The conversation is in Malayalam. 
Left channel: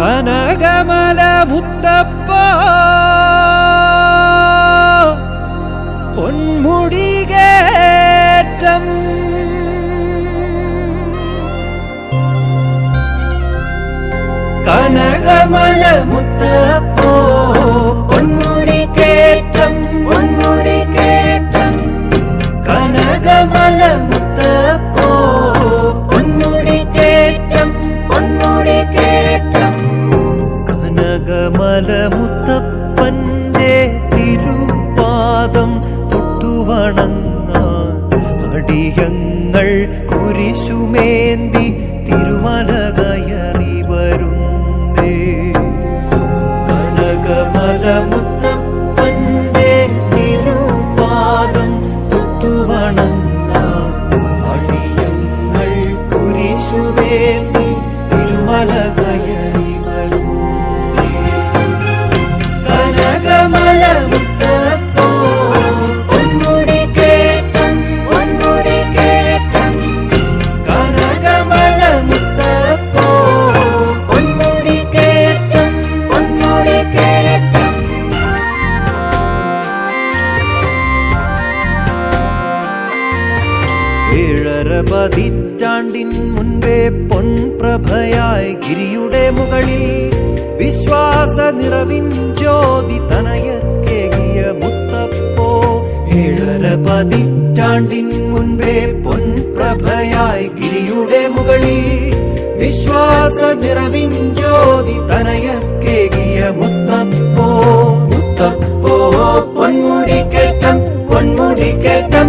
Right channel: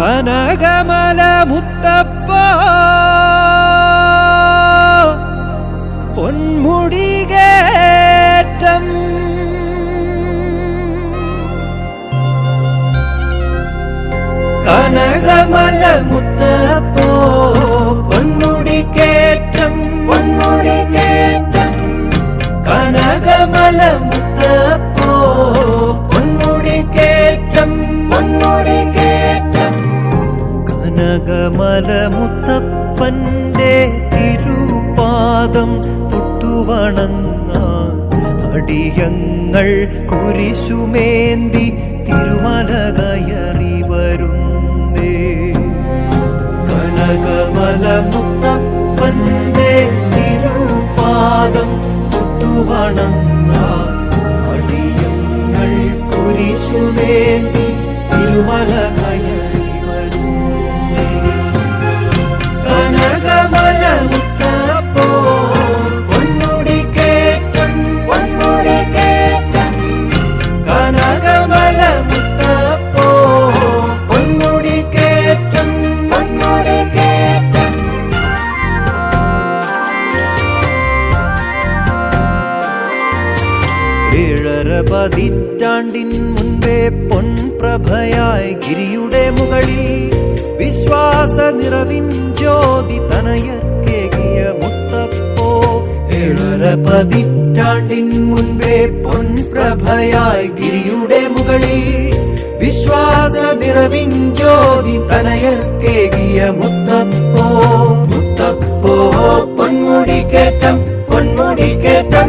കനകമല മുത്തപ്പ പൊന്മുടികേറ്റം കനകമല മുത്തപ്പോ പൊന്മുടികേറ്റം പൊന്മുടികേറ്റം കനകമല മുത്തപ്പോ പൊന്മുടികേറ്റം പൊന്മുടികേറ്റം കനകമല മുത്തപ്പന്റെ തിരുപാദം തൊട്ടുവണങ്ങാൻ അടിയങ്ങൾ കുരിശുമേന്തി തിരുമല കയറി വരുന്നേ. കനകമല മുത്തപ്പന്റെ തിരുപാദം തൊട്ടുവണങ്ങാൻ അടിയങ്ങൾ കുരിശുമേന്തി തിരുമല കയറി വരുന്നേ. കനകമല മുത്തപ്പോ പൊന്മുടികേറ്റം പൊന്മുടികേറ്റം കനകമല മുത്തപ്പോ പൊന്മുടികേറ്റം പൊന്മുടികേറ്റം. ഏഴര പതിറ്റാണ്ടിൻ മുൻപേ പൊൻപ്രഭയായി ഗിരിയുടെ മുകളിൽ വിശ്വാസ നിറവിൻ ജ്യോതി തനയർക്കേകിയ മുത്തപ്പോ. ഏഴര പതിറ്റാണ്ടിൻ മുൻപേ പൊൻപ്രഭയായി ഗിരിയുടെ മുകളിൽ വിശ്വാസ നിറവിൻ ജ്യോതി തനയർക്കേകിയ മുത്തപ്പോ. മുത്തപ്പോ പൊന്മുടികേറ്റം പൊന്മുടികേറ്റം